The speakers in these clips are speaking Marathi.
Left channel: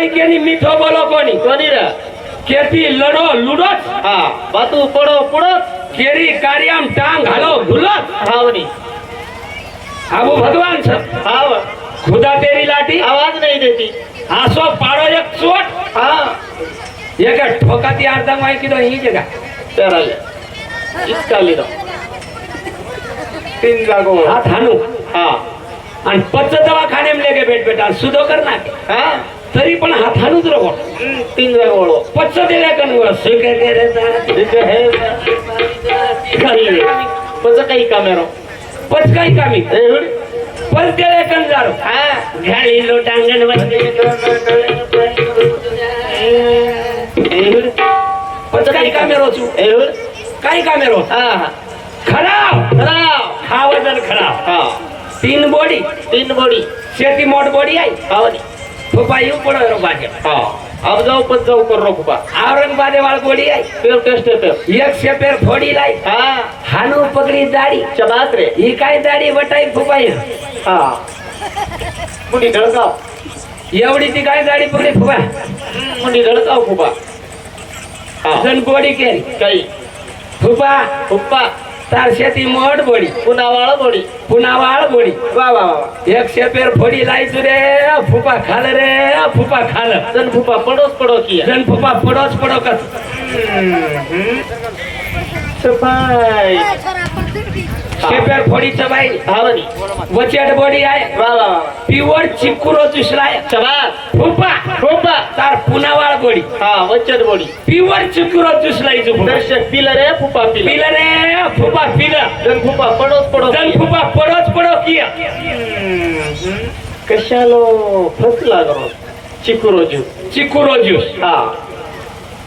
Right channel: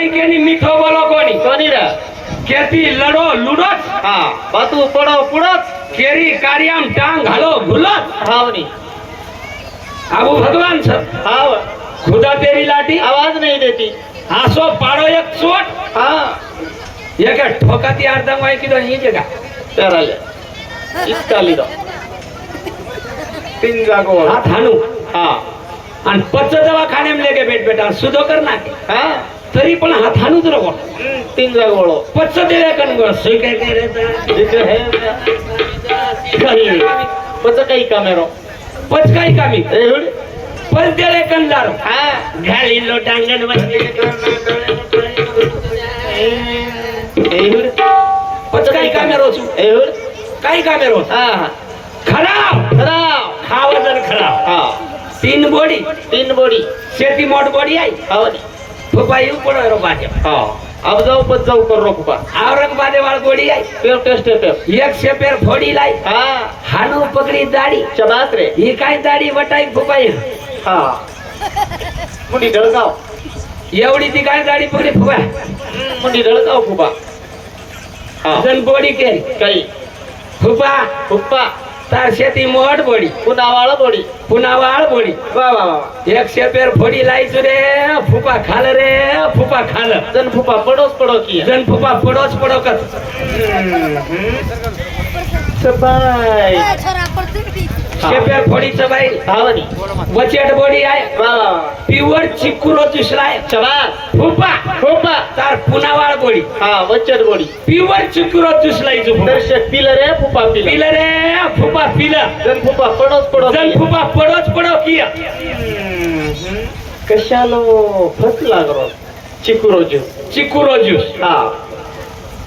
लड़ाई केनी मीठो बोलो कोनी कोणी रे केती लड़ो लुडोत हा बातू पडो पुडत केरी कार्याम टांग घालो घुलत हावनी आबू भगवान छ हाव खुदा तेरी लाठी आवाज नहीं देती आसो पाड़ो एक चोट हाँ एक ठोकाती आर्दंग वाई की दो ही जगह चराले इसका लीदा तीन जागो हाथ हानू हाँ आणि पच्च दवाखाने में लेके बैठ बेटा सुधो करना हाँ तरी पण हात हानूच नको तीन जागो पच्च दिले कन सुके के रहता जिथे है पच काही कामेरो पच काही कामी एवढी पच दिले कन जार हाँ घाली लो टांगण पच काही कामेरो छु काही कामेरो हाँ खराब खराब खावजन खराब हाँ तीन बॉडी शेती मोट बॉडी आई हावनी फुफा यू पड़ो रो बाजे हाँ अब जाओ पच जाओ कर रो पुपा औरंगाबादे वाल बॉडी आई पेर टेस्ट पेर एक से पेर फोड़ी लाई हाँ हानू पकड़ी दाढ़ी चबात रे ही काय दाढ़ी वटाई फुफा हाँ मुंडी ढळकाव एवढी ती काय दाढ़ी पकड़ी फुफा मुंडी ढळकाव पुपा हाँ जन बॉडी केरी काही फुफा पुप्पा तार शेती मोट बॉडी पुनावाळ बोडी पुनावाळ बॉडी वा वा वा एक से पेर फोड़ी लाई रे फुफा खाल रे फुफा खाल जन फुपा पडोस पडो किया जन फुफा पड़ोस पड़ो कर सबाई शेपेर फोड़ी चबाई हावनी वचेट बॉडी आए वा वा वा प्युअर चिक्कुरो चुसलाय चबात फुफा फुपा तार पुनावाळ बॉडी हाँ वच्चर बोडी प्युअर चिक्कुरो चुसलाई छु दर्शक पिलर है फुपा पिलर पिलर रे फुफा पिलर जन फुपा पडोस पडो जन फुफा पड़ोस पड़ो किया कशालो फस लागरो चिकुरो जू चिक्कुरो ज्यूस हाँ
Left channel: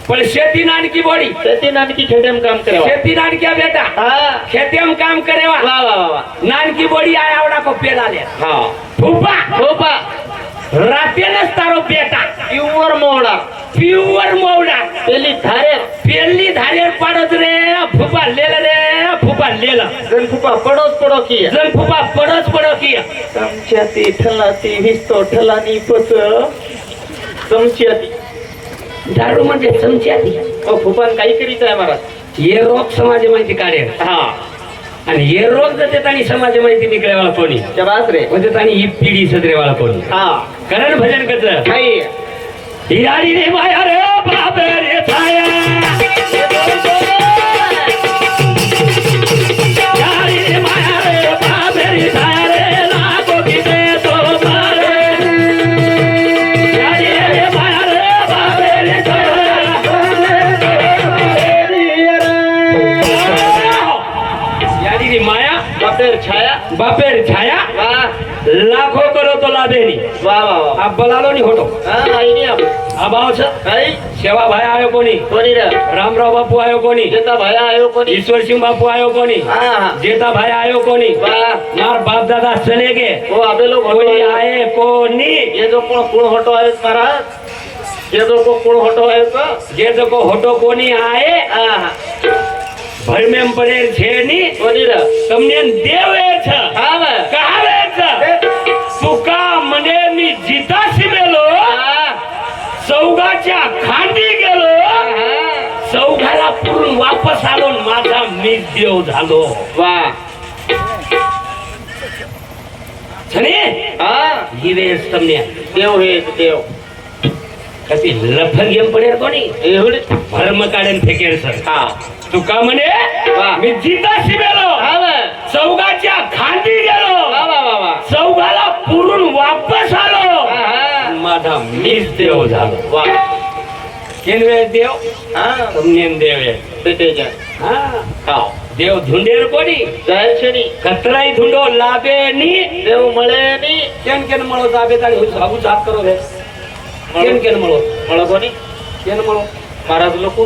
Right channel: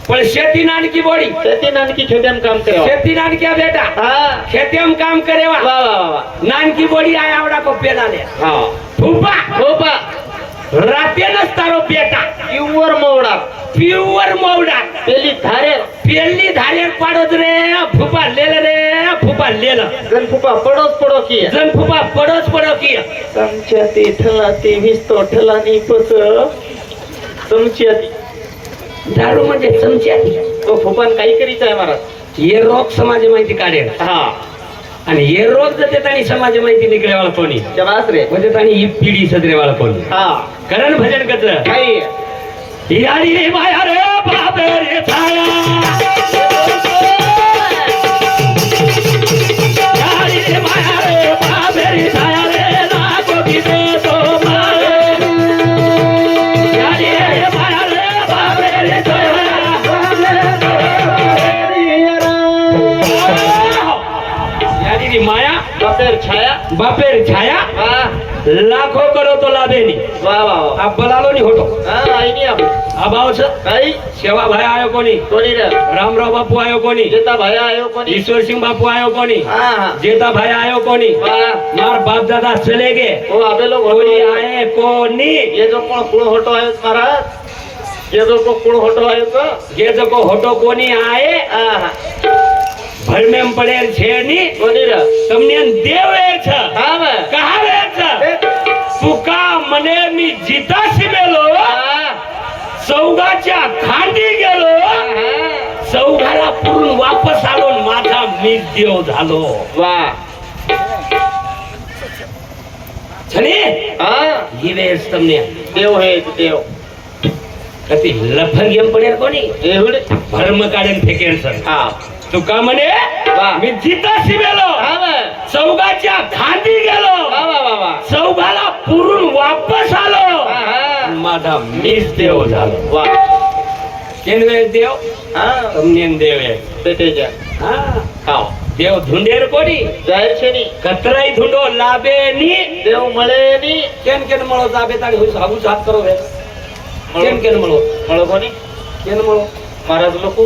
पण शेती नानकी बॉडी शेती नानकी खेतेम काम करे शेती नानक्या बेटा हाँ खेते में काम करे वा वा वा वा नानकी बॉडी आया आवड़ा को पेड़ा दे हाँ फुफा फुपा राते न तारो बेटा प्युअर मोडा प्युअर मौडा पेली धारे पेली धारेर पाडत रे फुफा लेल रे फुफा लेल जन फुपा पडोस पडो किया जन फुफा पड़ोस पड़ो किया चमच्याती ठलाती विस्तो ठलानी पच चमच्याती दारू म्हणजे चमच्याती ओ फुपान काही करीत आहे महाराज हे रोग समाज माहिती काढेल हा आणि हे रोग जर त्यानी समाज माहिती निघल्यावाळा कोणी शबास रे म्हणजे त्यानी ही पिढी सदरेवाळा कोणी हा करण भजन कत्र काही यारी रे माया रे बाबे रे छाया यारी रे माया रे बाबे रे छाया रे लाखो दिसे तो मारे यारी रे माया रे बाबे रे छाया यारी रे माया बापेर छाया बापेर छाया वाह लाखो करो तो लाभेनी वाह वाह वाह आप बलालो नहीं होटो हाँ आई नहीं अब अब आओ छ काही सेवा भाई आयो कोणी कोणी रे रामराव बापू आयो कोणी जेता भाया आयो कोणी ईश्वर सिंह बापू आयो कोणी हाँ हाँ जेता भाई आयो कोणी वाह मार बाप दादा चले गए वो अबे लोग कोणी आए कोणी ये जो कोण होटो आहे महाराज ये जो कोण होटो आहे का जे जको होटो कोणी आए हाँ हाँ भर में पड़े छेनी कोणी रे तमने देवे छ हाँ बे कहावे छ तुका मने मी जीता शिमेलो सौगाच्या खांडी गेलो सौगाला पुरून वापस आलो माझा मी देव झालो वाह छने हाँ ही वेळेस तमने देव है देव कती लफंगेम पडेल कोणी एवढे भरम काढून फेकेल सर हाँ तुका म्हणे वाह. मी जिता शिमेलो हाँ बे चौगाच्या खांदी गेलो वाह वाह वाह वाह चौगाला पुरून वापस आलो हाँ हाँ माझा मीच देव झालो वाह केन वेळ देव हाँ तमने देव आहे बेटे जा हा हाँ देव धुंडेर कोणी जाहीर છે ની કતરાઈ ધુંડો લાભે ની દેવ મળે ની કેન કેન મળો લાભે તાળી હું સાબુ સાફ કરો રે કેન કેન મળો મળો કોની કેન મળો મહારાજ લોકો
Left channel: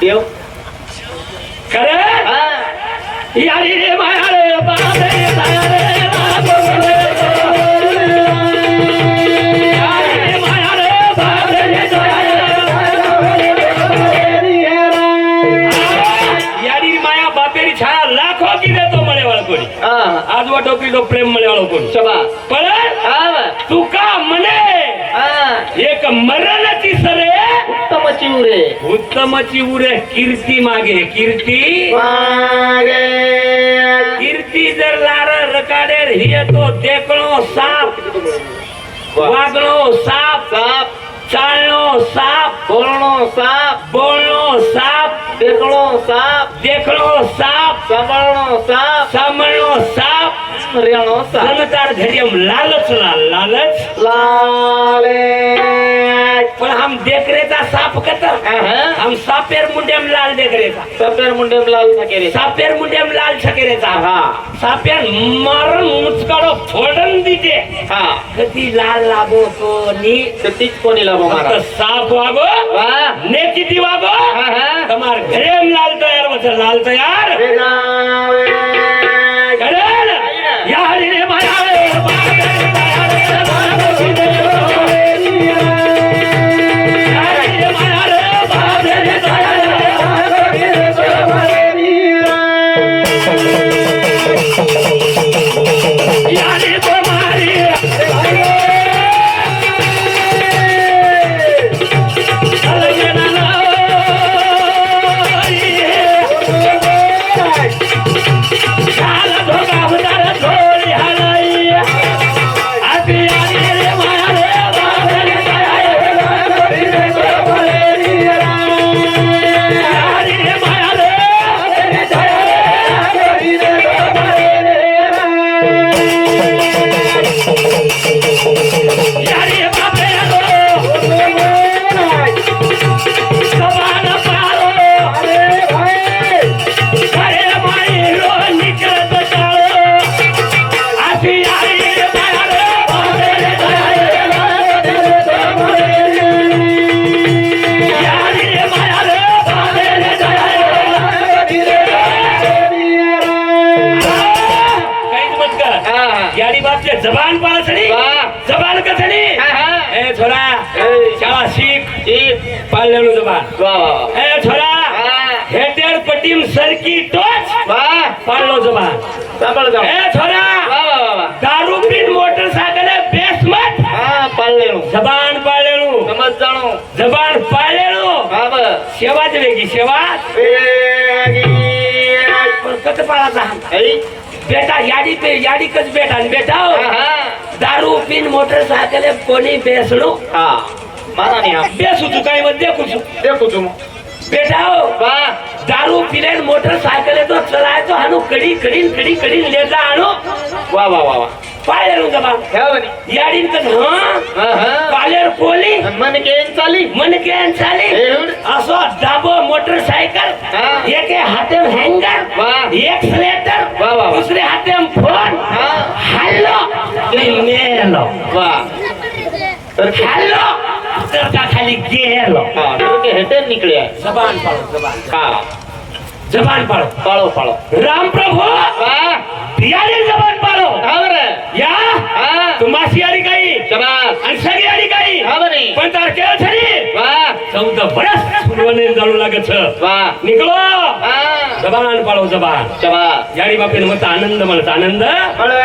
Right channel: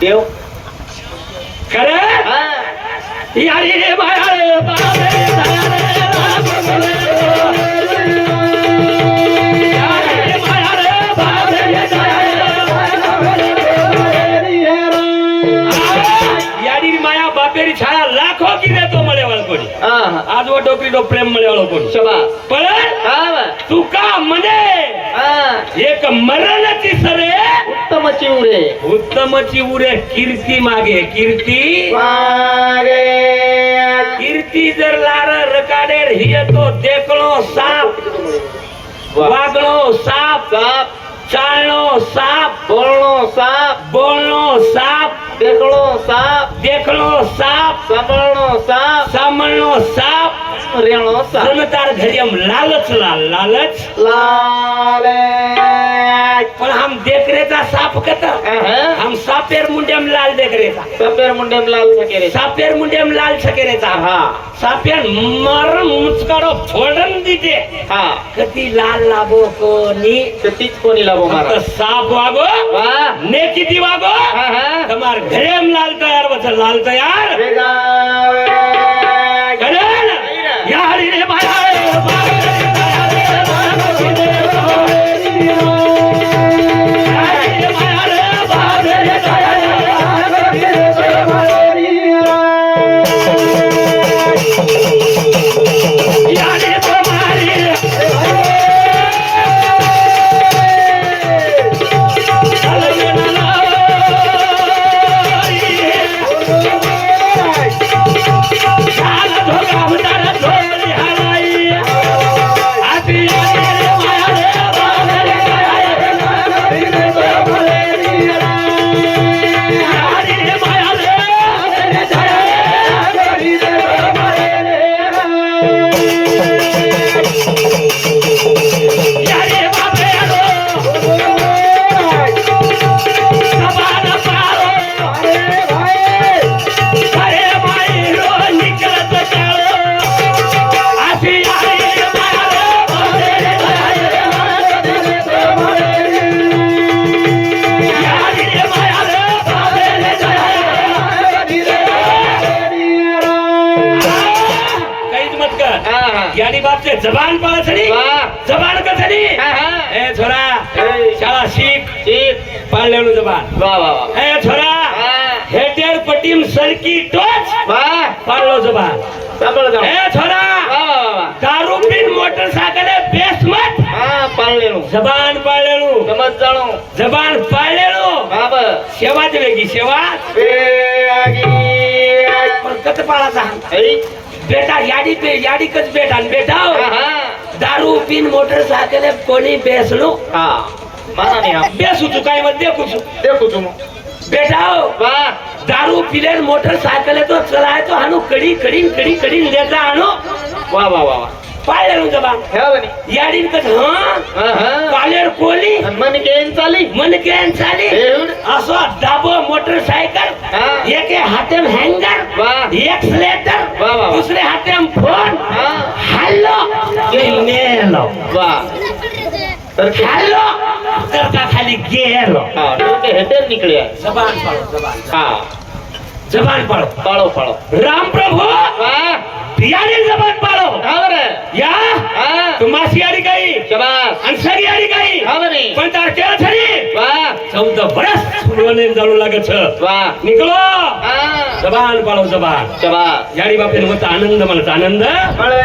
દેવ કરે હા યારી રે માયા રે બાબે તાયા રે લાગો રે યારી રે માયા રે બાબે રે તાયા રે યારી રી માયા બાપેરી છાયા લાખો કી દેતો મળે વાળો કોની હા આજવા ટોકરી તો પ્રેમ મળે વાળો કોની શબાશ પણ હા તુકા મને एक मरणाची सरे उत्तमची उरे उत्तमची उरे कीर्ती मागे कीर्ती मागे कीर्ती जर लार रकाडेर हिय तो देखणो साप वागणो साप साप चालणो साप बोलणो साप बोलणो साप देखणो साप देखणो साप सांभाळणो साप सांभळणो साप रेणो साप समतार घरियम लालच लालच लाले पण हम देखरेता साप कत हम सापेर मुंडेम लाल देखरेता सफेर मुंडेम लाल सकेरे सापेर मुंडेम लाल छकेरेता हा सापेर मरण मुचकाडो फोडन दीते हा कती लाल लागो तो नी ते तीच कोणी लाभो फक्त महाराज साप वागो वा ने किती वागो हा हा તમાર ઘરેમ લાલ તૈયાર વચ્ચે લાલ તૈયાર वेगावे ગણન યારી રે માયા રે जबान पाला छड़ी जबान का छड़ी ए छोरा शाला सीख पाल लेनो जबान वाह वाह ए छोरा हेटेर पट्टीम सरकी टोच वाह पाल लो जबान सांभाळ जाओ ए छोरा वाह वाह वाह दारू पीन मोटरसाइकिल बेस मत हा पाल लेनो जबान पाल लेनो समज जाणो जबान पाल लेनो बाबा सेवा चलेगी सेवा वेगी कत पाळाचा ऐ बेटा याडी पे याडी कच बेटा न बेटा हा दारू पीन मोटरसाइकिल कोणी बेसलो हा माना नहीं हम बेसू चुकाई मत देखू छु देखो तुम बेटा वाह दारू पीले मोटरसाइकिल तो चलाए तो हानु कड़ी कड़ी कड़ी कड़ी लेता हानु वाह वाह वाह पाले रू जबान है बनी याडीन कच हां हा पालेर कोली मन केन चाली मन के चाली एवढ असो दाबो मोटरसाइकिल हा. एक हातेम हँगर वाह. एक्सलेटर वाह, वाह. दुसरे हातेम फोन हा हॅलो मेलो वाह तर के हॅलो तर का खाली गेलो हा तर के हेटर निकले आहे जबान पाळो जबान हा जबान पाळो पाळो पाळो राम प्रभु वाह यारी जबान पाळो हा बरे या हा तुम्हासी आडी काही शाबाश आणि सगळी आडी काही हा बनी पण तार केळ छरी वाह 14 वर्ष सुरवणे जाणू लागत छ वाह निकलो हा जबान पाळो जबान शाबाश याडी बापेन मत आनंद म्हणत आनंद बळे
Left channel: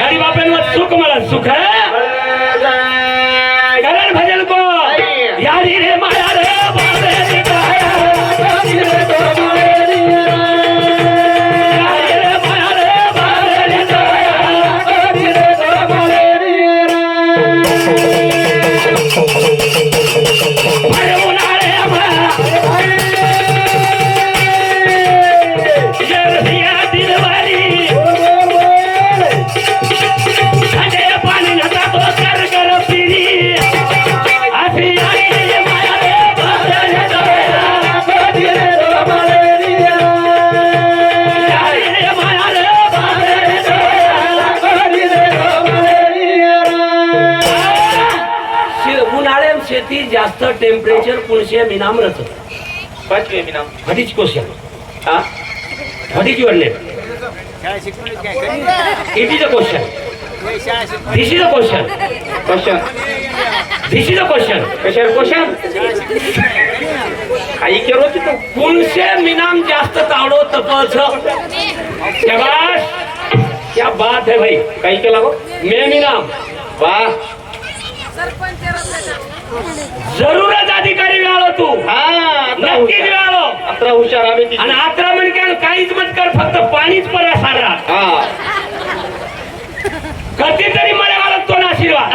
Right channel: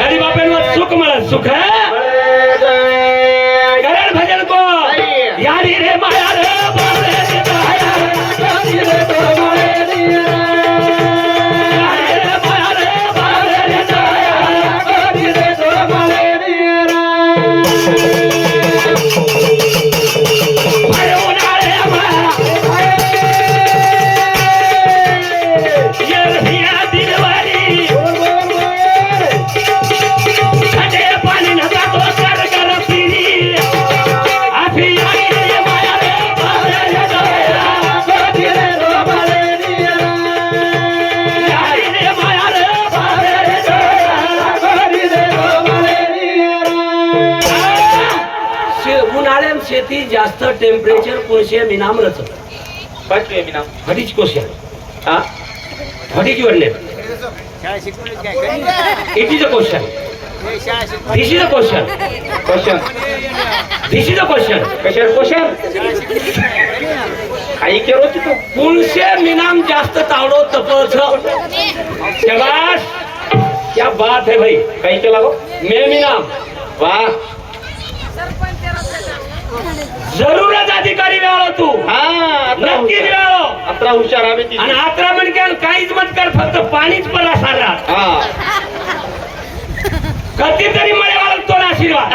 याडी बापेन मत सुख म्हणत सुख बळे जाय करण भजन को अरे. याडी रे माया रे बारे रे याडी रे बारे रे याडी रे माया रे बारे रे याडी रे बारे रे अरे उनाळे ये रहिया दिलवारी साडे पाणी नका तो कर कर पिरी आधी आई रे माया रे बारे रे याडी रे बारे रे याडी रे माया रे बारे रे याडी रे बारे रे उन्हाळ्यात शेती जास्त टेम्परेचर कुणशे मिनामरच पाचवे मी नाव हडीच क्वेश्चन हा हडीच वडले it is a question this is a question question this is a question कशाला क्वेश्चन आई केरो तू कुणशे मिनाम जास्त तावडो तपच शाबाश क्या बात है भाई काही केला गो मैं मिनाम वाह जरूरच अधिकारी वेळो तू नक्की वेळो अत्रा हुशार आम्ही ती. आणि आत्रा म्हणजे काहीच मत कर फक्त पाणीच परा सारा कधीतरी मला वाळत तो आशीर्वाद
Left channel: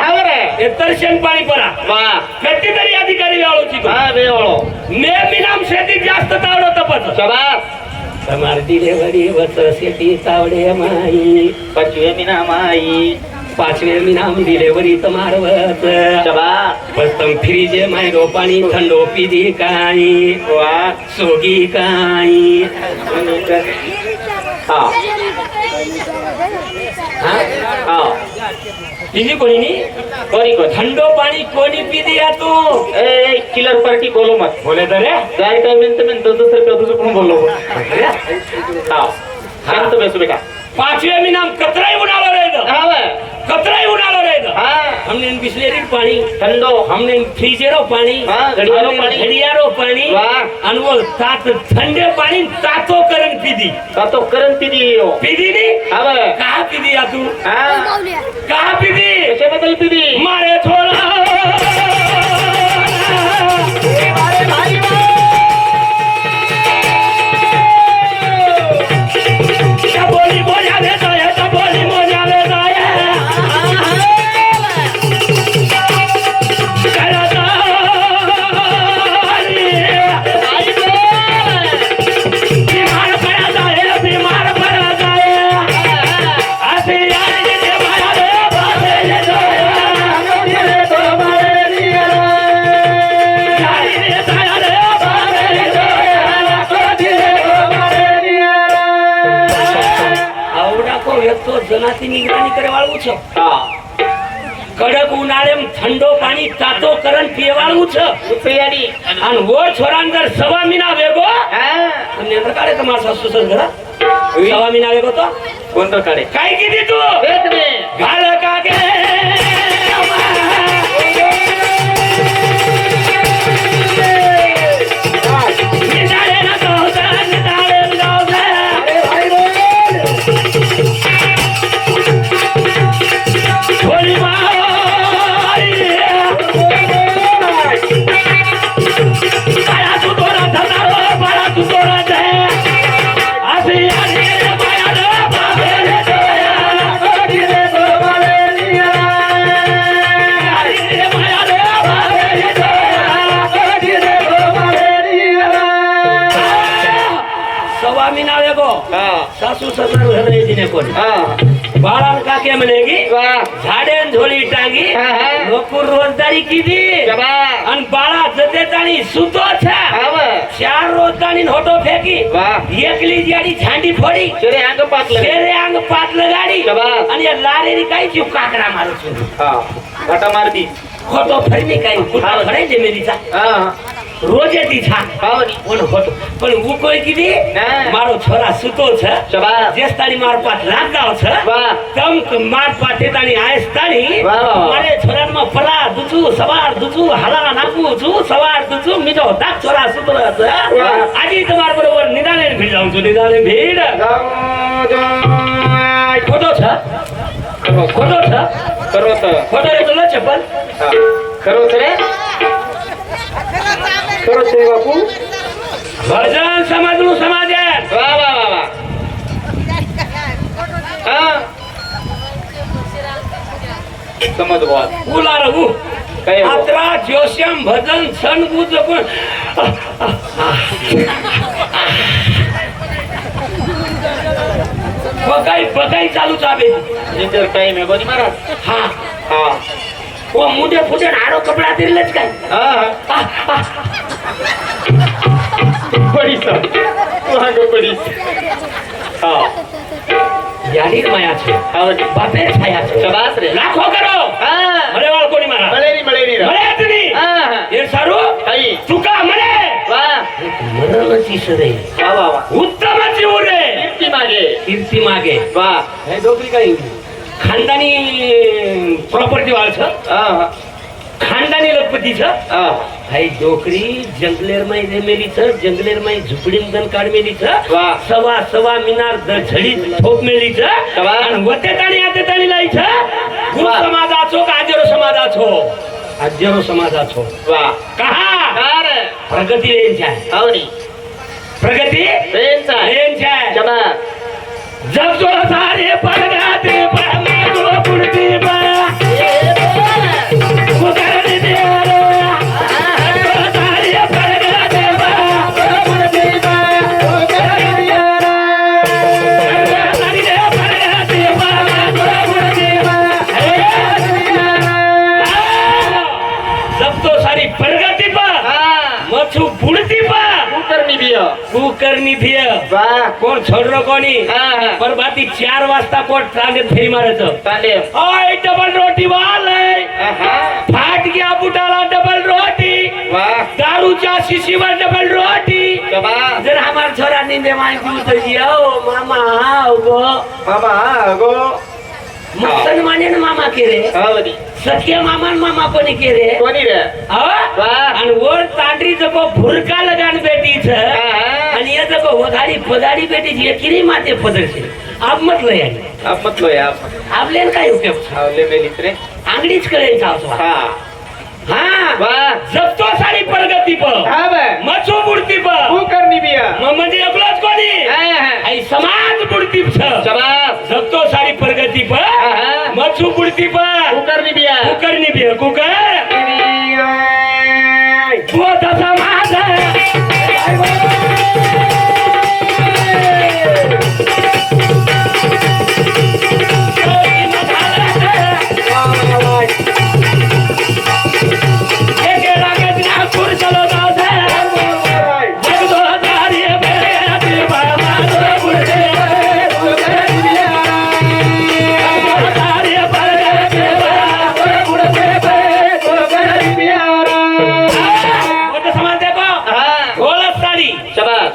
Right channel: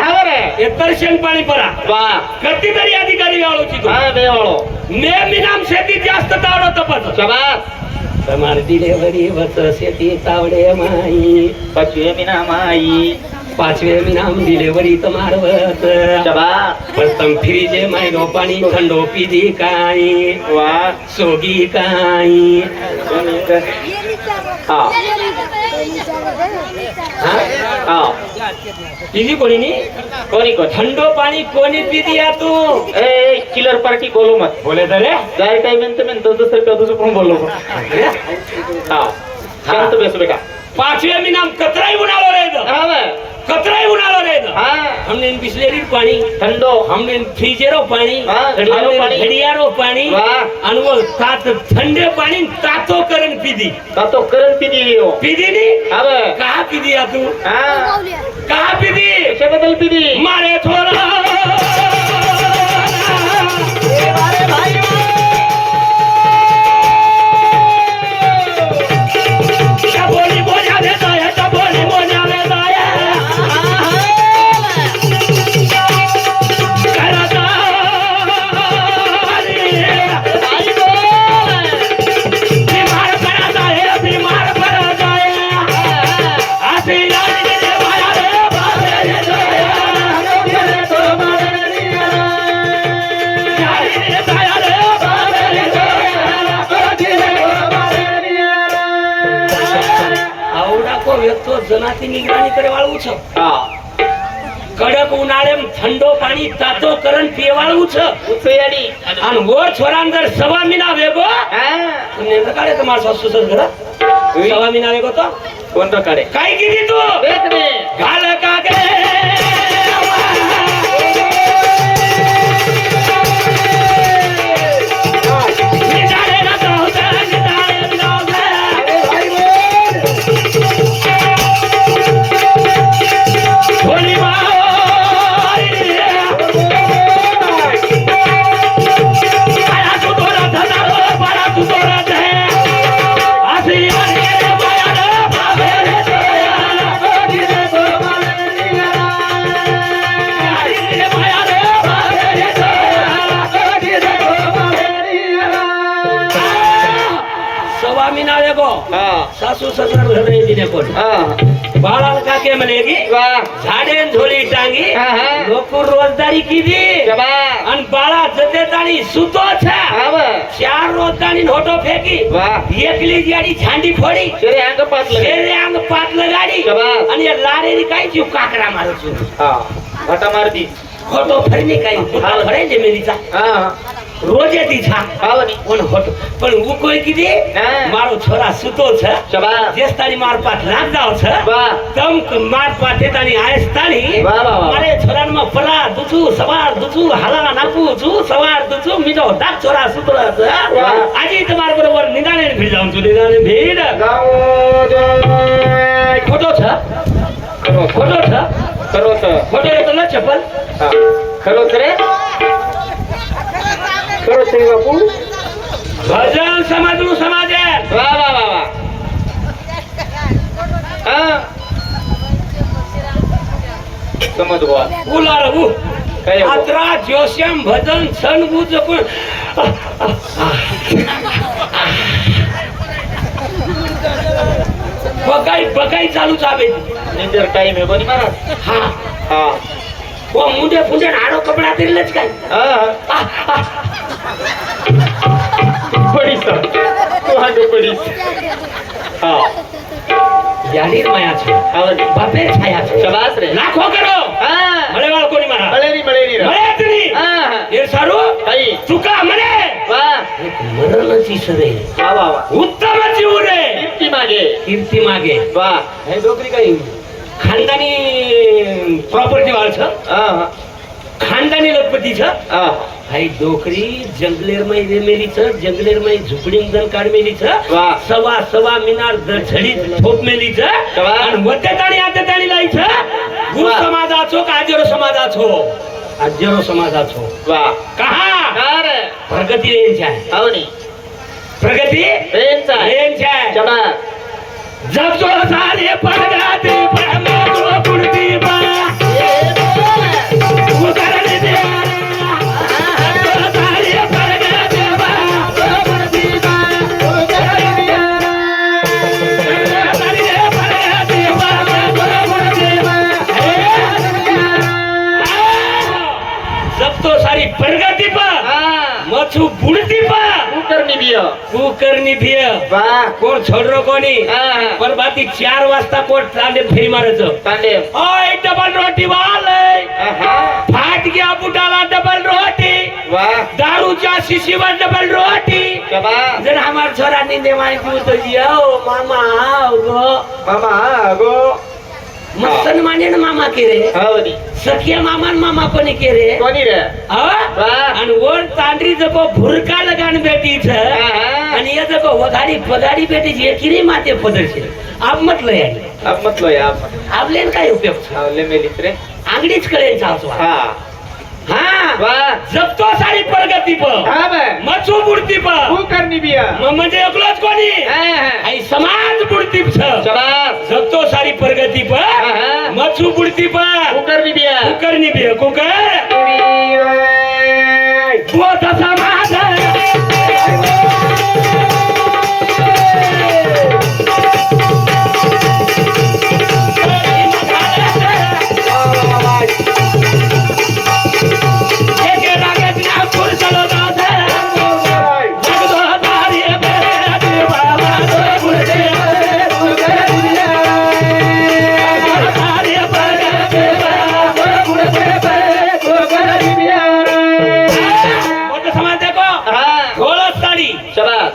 हे दर्शन पाणी परा कधीतरी अधिकारी वेळोची तू मी नाम शेतीत जास्त तावडो तपत समार डिलेवरी वत शेती तावडे माई पाचवे नाम डिलेवरी तमारवत प्रथम फ्रीजे मायरो पाणी थंडो पिदी काई सोगी काई पिदी कोणी नी कोणी थंडो पाणी कोणी पिदी या तू किलर पार्टी बोलो मत बोले तर जाय काय म्हणतो दुसरं पण बोललो शांत बेसो बेटा पाचवे मी नाम कतराई उनालो रे कतराई उनालो रे हमने बिस्लेरी पाणी ठंडो हमने फ्रीजेरो पाणी घडियारो पाणी घडियारो पाणी आणि वो तात थंडे पाणी तातो करण पिदी तातो करण पिदी पिदी नी अबे का पिदी या तू का पिदी कशाबद्दल पिदी मारे थोडा बोली बोला दे तो बोली बोला दे तो जनाची निगराणी करे वाळू छ कडक उन्हाळे थंडो पाणी तातो करण पिवाळू छ उपेयाडी आणि वर छोरान जर सवा मिना वेगो नेंद्र काढे तर माझा सुसर घर सवा मिना वेगो तो कोण काढे काय किती तू घाल का गे सासू ससुर घर येते कोण बाळा काके मनेगी झाडे झोली टांगी लोक रोजदारी किती आणि बाळा जतेतानी सुतो चार रोजदारी होटो फेकी एकली गाडी झांडी फोडी शेरे अंग पातलं गाडी आणि या लारेरी काय जीव काकडा मारू मारती फोटो फरमी काही फळे जमेलीचा रोज येती छान पण फोटो पण उकोय किती मारो छोरा सुतो छ जेस्तानी मार पाठ लागदाव छ तम मार पाठे तानी आयस्तानी मारे छोरान म परा दुचू सवार दुचू हला नाकू छु सवार दुचू मिजो दाक छोरा सुतो छ आजी तुम्हार बरोबर निदाने भीड जाऊन तू निदाने भीड फोटो छ फोटो छ फोटो रे तो चप्पल खरो खरे खरो ते बापू भजन समजू समाजे वा वा वा वा समज बुवा बोला रघु अत्रा जोश्यम भजन सन बुज पण बगाई चालू चाबे निंदर टाइम है बनी महाराज हाँ वो मुंडे फुंडे आड़ो कपड़ा तेरे लच गए बड़ी सर तो बड़ी यारी माया छे बापे छाया छे शाबाश रे लाखो करो मळे वाळ कोणी मारा मळेरी मळे ये सारू तुका मळे मरणाची सदे उत्तम जीव रे कीर्ती मागे वाह हे डोकरी काही खानदानी प्रॉपर्टी वाळ छ खानदानी लखपती छ हाई डोकरी जंगलेर माई रेमेली छ जंगलेर माई झुपडीन जन काढ मेली छ सवा मिनार झडी ठोप मेली छ आणि वते ताणी आते ताणी लाई छ गुरु समाजाचो काजेरो समाजाचो हजारो समाजाचो वा कहा कार प्रगती रेंज आहे आवनी प्रगती रेंचा रेंज आहे जबा जब जो सारे पड़गाते परमात्मा पुरती बा उदाहरण दे रे जब जो सारे पड़गाते परमात्मा पुरती बा उदाहरण दे रे पड़गाते परमात्मा पुरती बा जब तो सारी प्रगति बा मचू बुड़ती बा करनी बिया कुकरनी भिय वा कोण छोडरो कोणी हा परबाती 4 वाजता कोण तांडे फेरी मारायचं तांडे ओय डबल रोटी वालय फाट गया बुटाला डबल रोटी वा दारूच्या शिशीवर डबल रोटी जबा जर हमार छोरा नींदे माय की उतर जियो मामा आओ गो मामा गो मसन माने न मामा के रे आवनी सख्या मामा न मामा पण के रे कोणी रे हा वा आणि वर तांडरी जको भुरका लगान बेटी छ हा आणि ये जको वगाडी पगाडी बेटी छ किरी माते पदरशे आप म्हटलं याने आप मतलब यार आपल्याला काय उपयोग आवले मेलीत रे आंगडीच कळेल चावतो हा हा वा जपतो सारी प्रगती प हा बे मचू बुडती प करनी बिया म्हणजे एकलाच कोणी आई समाज बुडती छ शबास जपतो सारी प्रगती प मचू बुडती प करनी बिया कुकरनी बी कुकर बोध समाज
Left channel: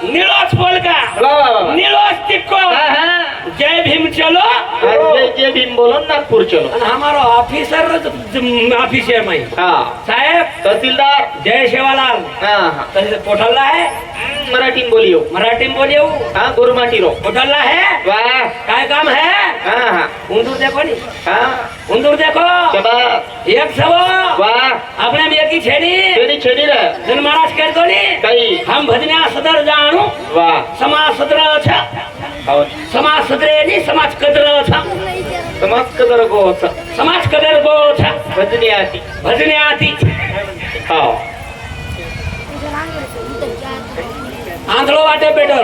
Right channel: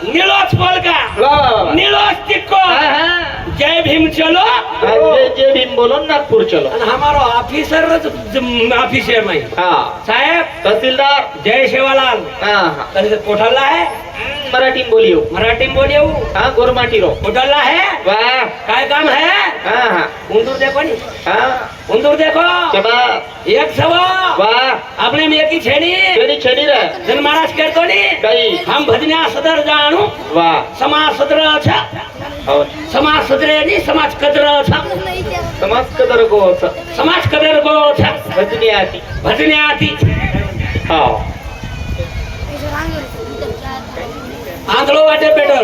नीलोच पोलका नीलोच टिक्को जय भीम चलो जय भीम बोलो नागपूर चलो आणि हमारो ऑफिसर ऑफिसर माई हा साहेब तहसीलदार जय सेवालाल हा तरी कोठला है मराठी बोलियो मराठी बोलियो हा गोरमाटी रो कोठला है वाह काय काम है हा उंदूर देखो नी हा उंदूर देखो शबास एक सवा वाह अपने में की छेनी छेनी रे जन महाराज करतो नी काही हम भजन्या सदर जाणू वाह समाज सदर छ और समाज सदर नी समाज कदर छ समाज कदर गो समाज कदर गो छ भजनी आती हा आंधळो वाटे पेटवर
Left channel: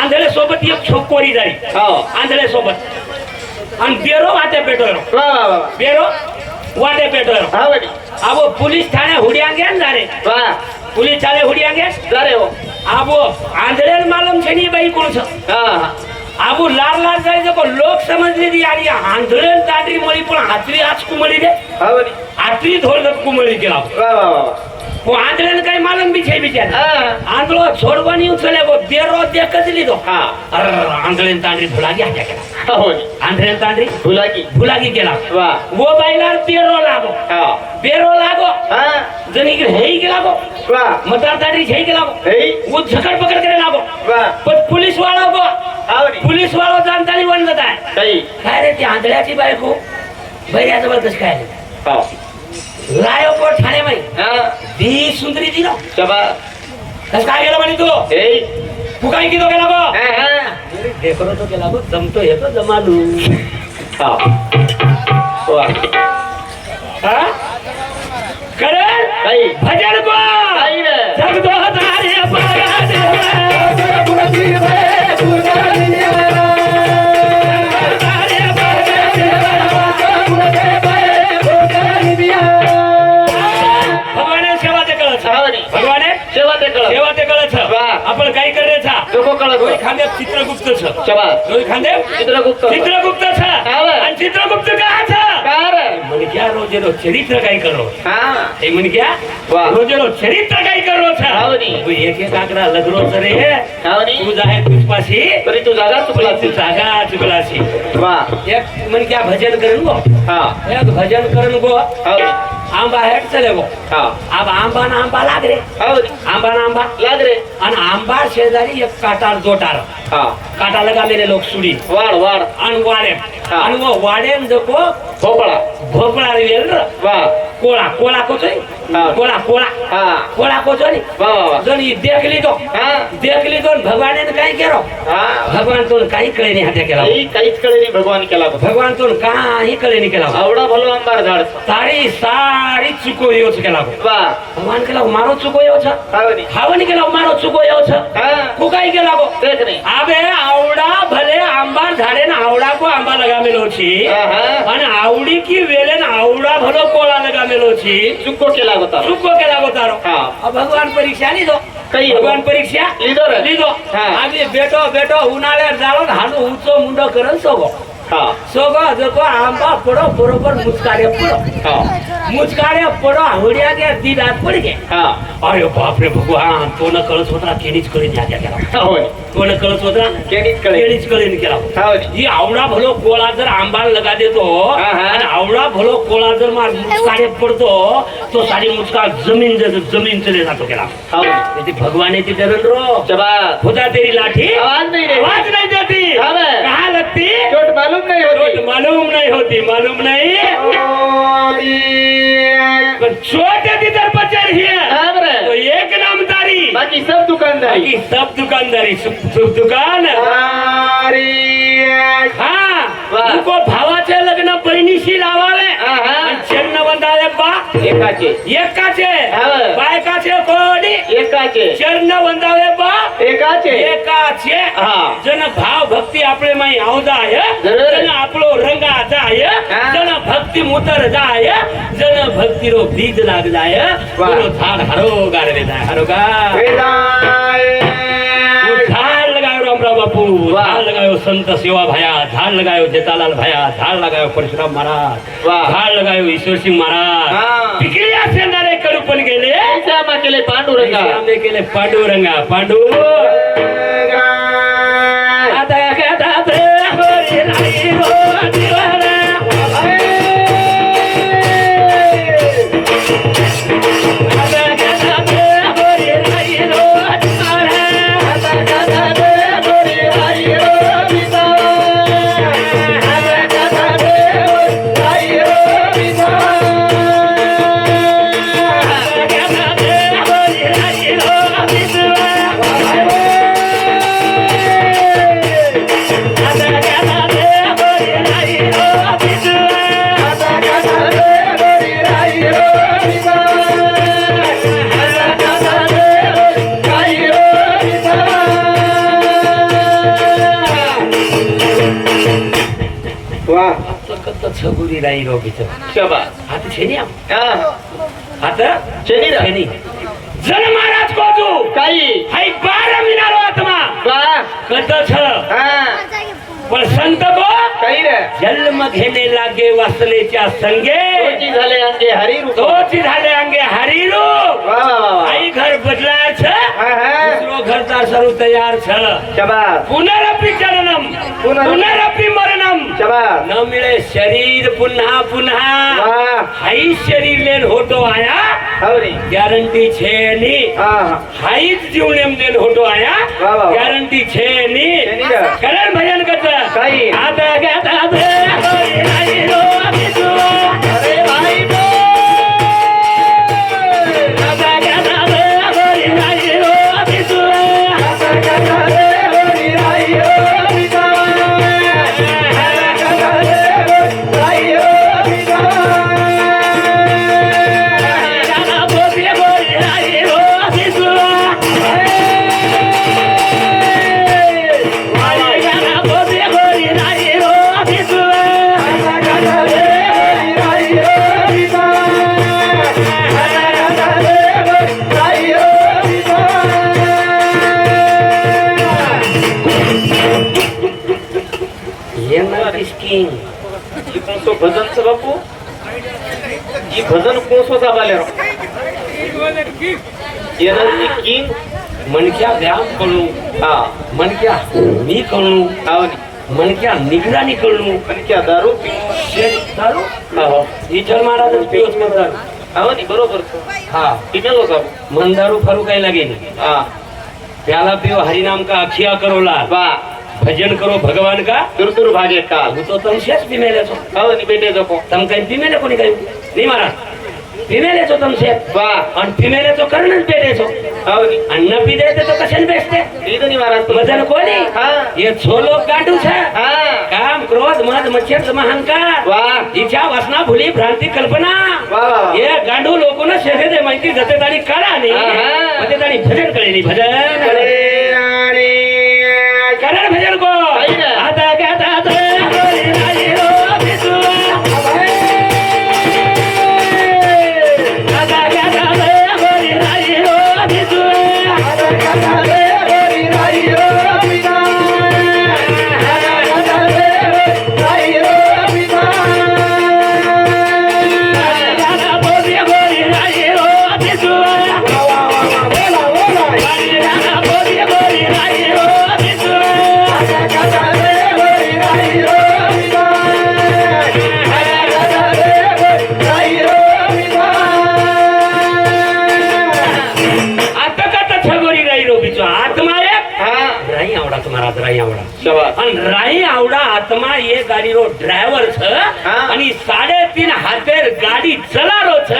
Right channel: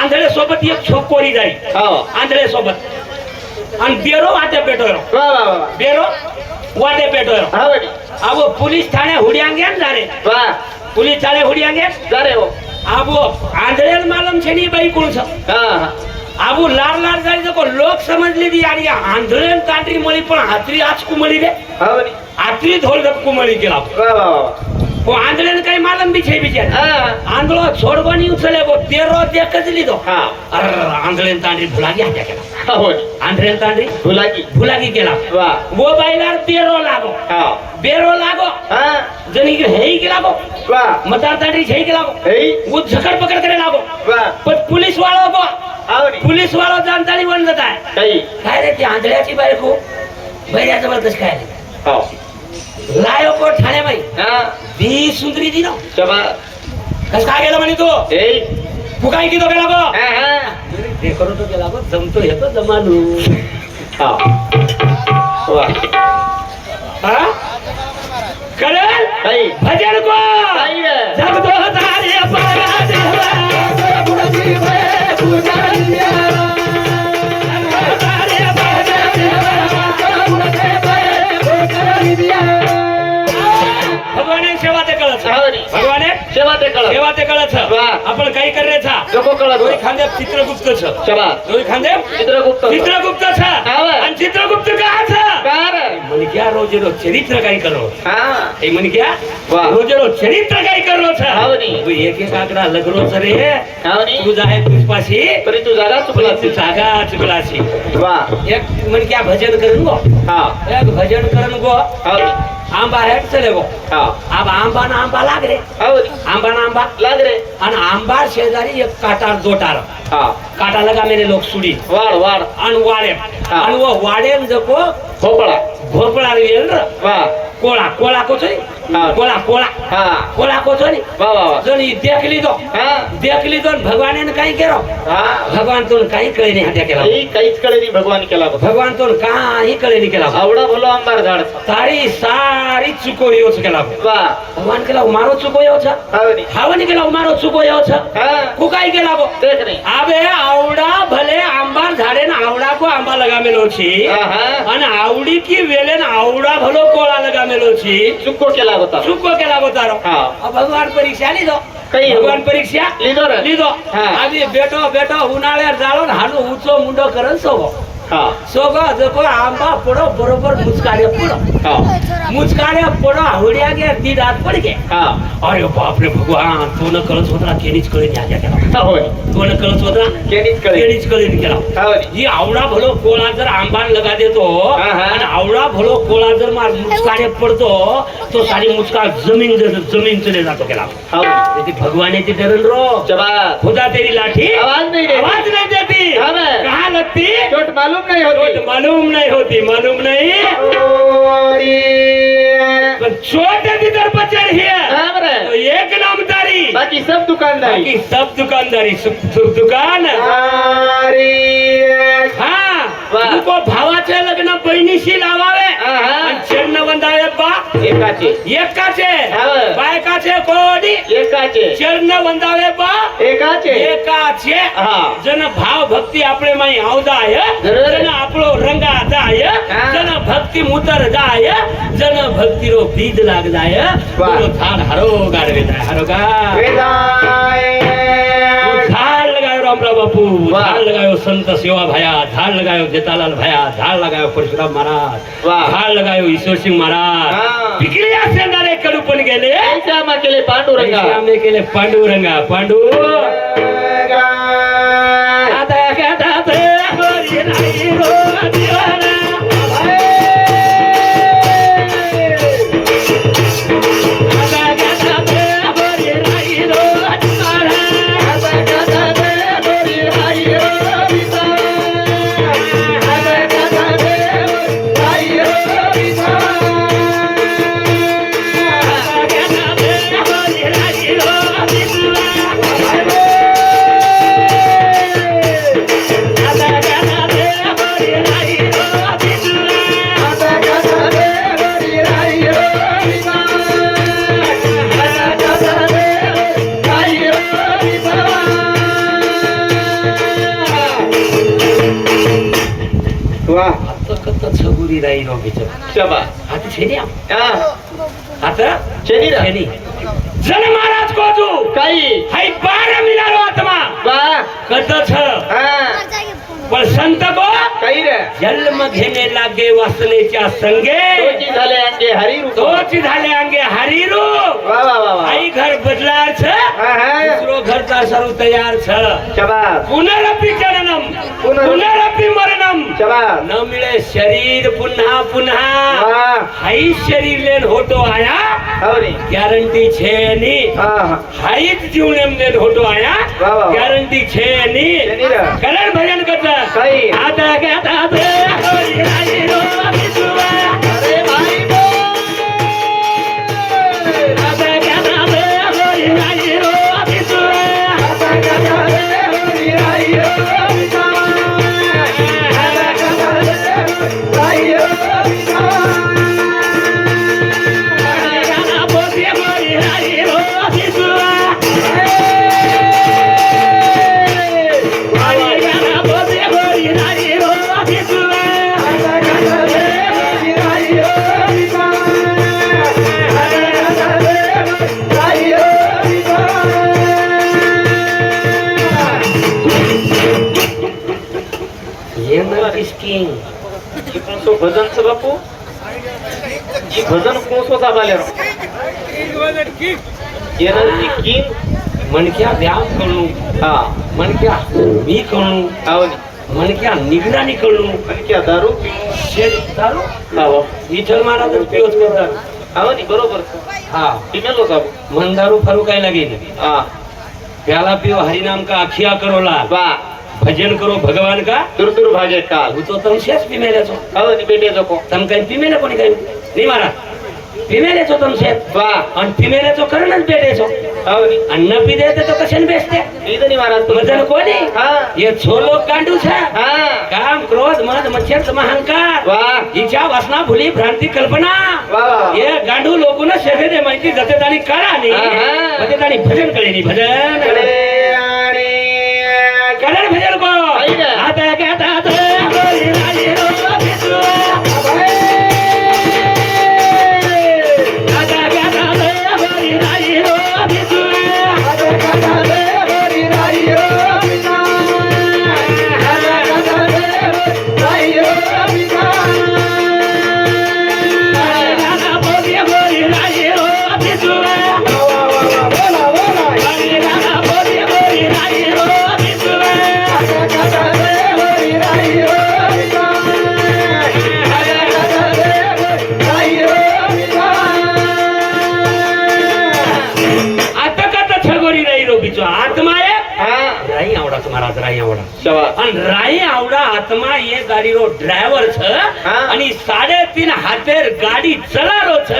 आंधळे सोबत एक छोकोरी जाई आंधळे सोबत आणि बेरो वाटे पेटवर बेरो वाटे पेटवर आबो पुलिस ठाणे हुडियांगे जारे पुलिस ठाणे हुडियांगे जारे हो आबो आंधळेल मालम छेनी बाई कोण छ आबो लार लार जाई जको लोक समजली दी आडी आंधळेल तांडरी मळी पण हातरी आज कुमळी रे हातरी धोल दप कुमळी केला वो आंधळे काही मालम बी छे बिचार आंधळो छोडवानी उचले वो तेरो देखच लिदो अरे आंधळे तांडरी भुलागी हात्या केला आंधळे तांडरी भुलागी केला वो बाईलार तेरो लागो बेरो लागो जनी के हेई के लागो मतार तांडरी छे के लागो वो झकड़ पकड़ करे लागो पण पुलिस वाला गो पुलिस वाला जानतानी बन जाता है काय रे ती आंधळ्याची बायको बैऱ्या जबरदस्त काय लायो को Thane by the Sundari G no कस काय गेला म्हणे तो तू काय कितो गेला गो देखो तो गेला गो जमतो हे तो जमानू करे भजन को जग दो तारे पाया भगवाने सेवा ते कळत भगवाने सेवा ते कळत आपण काही करायचा खांदे चित्रगुप्त छ खांदे चित्रगुप्त छ आणि चित्रगुप्त काय छ मन क्या रोजे रो चरित्र काही करो ए मन क्या रोजे रो चरित्र काही करो छ तू एक एक आकडा लगरो रे तू जाहे तुझ पाशी तरी तू जागा चुकला तू जागा चुकलाशी एक मन क्या भजन करन गो एक भजन करन गो आंबा हेट चले गो अब आंबा ना आंबा लाग रे आंबा ना आंबा लाग रे आणि आंबा शेजारी एक काटार दोटार काटा लगा मेरे लोग सुडी वाड आणि वाडे आणि वो वाडे जको भोपळा भोपळा रेल वा કોળા કોળા કો છો હા. કોળા કોળા હા કોળા કો છો ને વાહ વાહ વાહ જો ની દેખ લીધો હા ને ભગવાને ને કઈ કેરો હા ભગવાન તો કઈ કળે ની હાથે કેલા એ કઈच कळे नाही भगवान केला बघ. ભગવાન તો કઈ કળે ની કેલા आवडा भलो आंबार झाड તારી સારી ચૂકોયો છે કેલા वा ભગવાન કેલા મારો ચૂકોયો છે हावनी હાવની કેલા મારો ચૂકોયો છે हा કુકાઈ કેલા देख नाही આબે આવડા ભલે આંબા ઝાડે ને આવડા કો આંબા લગામેલો છે हा हा અને આવડી કી વેલે ને આવડા ભલો કોળા લગામેલો છે चुक्को केला होता ચૂકો કેલા બતારો हा આ ભગવાન પરીક્ષા લીધો કઈ ભગવાન પરીક્ષા લીધો રે લીધો હા. આજે બેટો બેટો ઉનાળે જાળો ને હાનો ઊંચો મુંડો કરે સોગો हा સોગો જકો આંબા પડો બરોબર મુચકાડે પડો हा મુચકાડે પડો આવડ્યા કે દી રાત પડી ગઈ हा અરે બાપ રે ભગવાન તો ન કળ છોતરા કેની જ કરી નાખ્યા કેલા होय તો ન કળ છોતરા केडीच कळे કેની જ કરી કેલા हावनी ઈ આવડા ભલો કોળા જર આંબા લગા દેતો હા, હા. અને આવડા ભલો કોળા જર માર મુચકાડે પડતો તો સારી મુચકા જમીન ચલે જાતો કેલા हावनी તેથી ભગવાને થી ડરન રો चबा खुदा तेरी लाठी आवाज नहीं देती आवाज नहीं देती हाँ बे। कहाँ लगती चोट मालूम नहीं चोट होती मालूम नहीं होती मालूम नहीं ओरी पर चोट यदि दर पर चढ़ी है हाँ बरे तो एक नामदारी बाकी सब दुकानदारी बाकी सब दुकानदारी सब दुकान आरी हाँ वाह। उनको भावाचे लग्न बहिणीशी लावावे हाँ, हाँ। आणि चिन्ह बंधावे बा एकाचे एकाचे हाँ। बायकाचे कोडी एकाचे चिन्ह बंधावे बा एकाचे एकाचे हा जन भाव भक्ती आपले माई आवदाय जरूर. जन आपलो रंगा जाय हा. जन भक्ती मुतर जाय जन भक्ती रो बीज लाग जाय वाह. बोलो झाड हरो गाडले जाय हरो गा वेदाय वो झाड लगायो रामराव बापू वाह. झाड लगायो संत सेवा भया झाड लगायो जेतालाल भया झाड लगायो परशुराम महाराज वाह. झाड लगायो ईश्वर सिंह महाराज हा. पिकल्या सेंदाले कडू पण गेले श्यामा केले पांडुरंगा श्यामे केले पांडुरंगा पांडू आता गातात होरी नाही हो दिवाना. आता गातात होरी नाही हो दिवाना. आता गातात होरी नाही हो दिवाना. आता गातात होरी नाही हो दिवाना. आता गातात होरी नाही हो वाह छगुरी राई रो बिचार शबा आता छेनी आम हा आता छेनी रा. छेनी जन महाराज को तू काही हाय 12 मिनारो आत्मा वाह कत छ हा पण संत को काही रे जन्म घेणे लागे वासनेच्या संगे तोची झाले अंगे हरी रूप तोच झाले अंगे हरिरू वाह वाह वाह वाह आई घर बदलार छ हा हा दुसरो घर तार सरू तयार छ शबा पुनरपि जननम पुनरपि मरणम शबा न मिळे शरीर पुन्हा पुन्हा वाह हाई शरीर लेन होतो आया हवनी गॅरंटी छे ની हा हा હાઈટ જીવનેમ દેન હોતો આયા વાહ, વાહ. ગેરંટી છે ની છેની રે. કરણ ભજન કરતા કઈ? આતા ગાતા દે હરી હરી રો બિજુઆ अरे भाई बो આતા ગાતા દે હરી હરી રો બિજુઆ आता गाता रे हरी हरी रो बिजा आता गाता रे हरी हरी रो ગાતા બોલે બોલે હરી રો બિજુઆ ભાઈ ગાતા બોલે બોલે હરી રો બિજુઆ आता गाता रे हरी हरी रो बिजा आता गाता रे हरी हरी रो ये मत किसकी ये कौन सो भजन से बापू ये भजन कौन सो दाबाले ये नदी किंग मनक्या व्यायाम करू हा मनक्या मी करू आवनी मनक्या निगराणी करू पण क्या दारू दारू आहो विठ्ठल महाराज पिओच करतात आवनी बरोबर हा किने लोक आहो मन दारू फरू काय लागे हा प्याला पिओ हरिनाम का अखिया करो ला वा भजन करो भगवान का दूर दूर भागे काल હું તો તમે શેષ પીમેલે છો आवनी बेटे जको તમે કઈ પીમેલે કોની કહ્યું નહીં महाराज ફિમેલે છો તમે છે વાહ અને ફિમેલે તો કરણ જ બેઠે છો આવની અને ન પી દે તો કશે બેસતે ઈ તો ની મહારાજ મજાનું કોની હા એ છોલો ગાંડું છે હા કામ ક્રોધ મદ મચ્છર તમ અહંકાર વાહ ઈચ્છા વાસના ભૂલી ભ્રાંતિ કલ્પના વાહ એ ગાંડું લોકોને શેરે દે માહિતી જતે તારી કરા ની આહા. જતે તારી ભજન કરી ની ભજન કરણ ભજન કો આઈને. આતા ગાતા તો હરી રાજી રો બિસુ આતા ગાતા તો હરી રાજી રો બિસુ આતા બોલી હરી રાજી રો બિસુ આતા બોલી હરી રાજી રો બિસુ आता करता छगोरी राई रो बिचो आत्मा एक राई आवडा तुम्हाला राई आवडा आणि राई आवडा आत्मा ये गाडी रो ड्रायव्हर छ हा. आणि 3.5 हातेर गाडी चलारो छ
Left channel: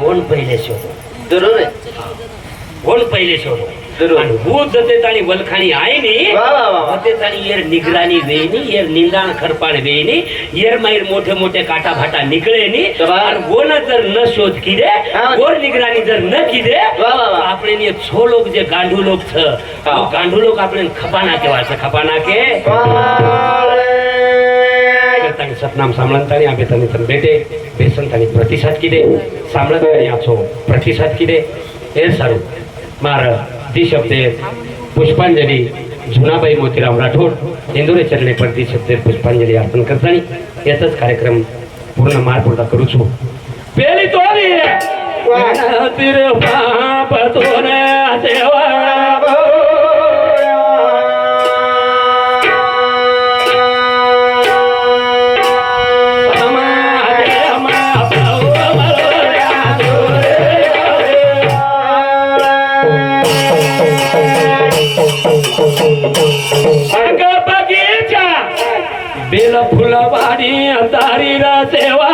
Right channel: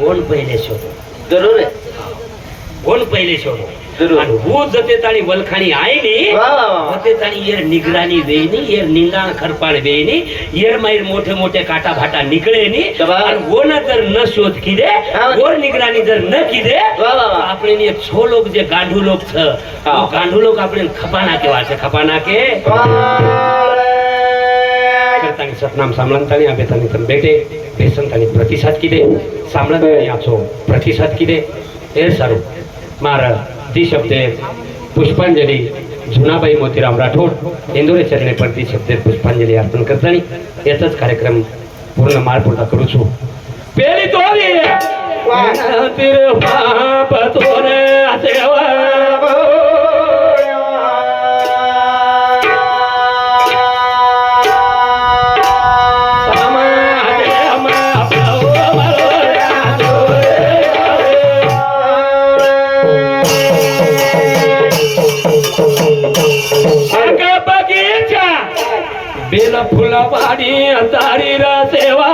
कोण पहिले शोधो जरूर आहे कोण पहिले शोधो जरूर. आणि हो जते ताणी वलखाणी आहे नी वाह, वाह, वाह. होते ताणी येर निगराणी वेणी येर निंदाण खरपाण वेणी येर माईर मोठे मोठे काटा भाटा निकळे नी शाबास. आणि वो ना जर न शोध किदे हा. और निगराणी जर न किदे वाह, वाह, वाह. આપણે ને છો લોક જે ગાંડુ લોક છે હા. ગાંડુ લોક આપણે ખપાના કેવા છે ખપાના કે કરતાની સતનામ સાંભળતાની આપે તને તને બેટે બેસનતાની પ્રતિસાદ કીધે સાંભળતાની આપો પ્રતિસાદ કીધે એ સારું મારા જી શબ્દે પુષ્પાંજલિ જુનાભાઈ મોતીરામ રાઠોડ इंदोरे चरणे प्रति शब्दे पुष्पांजली अर्पण करतानी याचाच कार्यक्रम पूर्ण मार पूर्ण करू છું પેલી તો આવી તીર પાપ તોરે દેવા बेल फुला बाडी अंधारी रा सेवा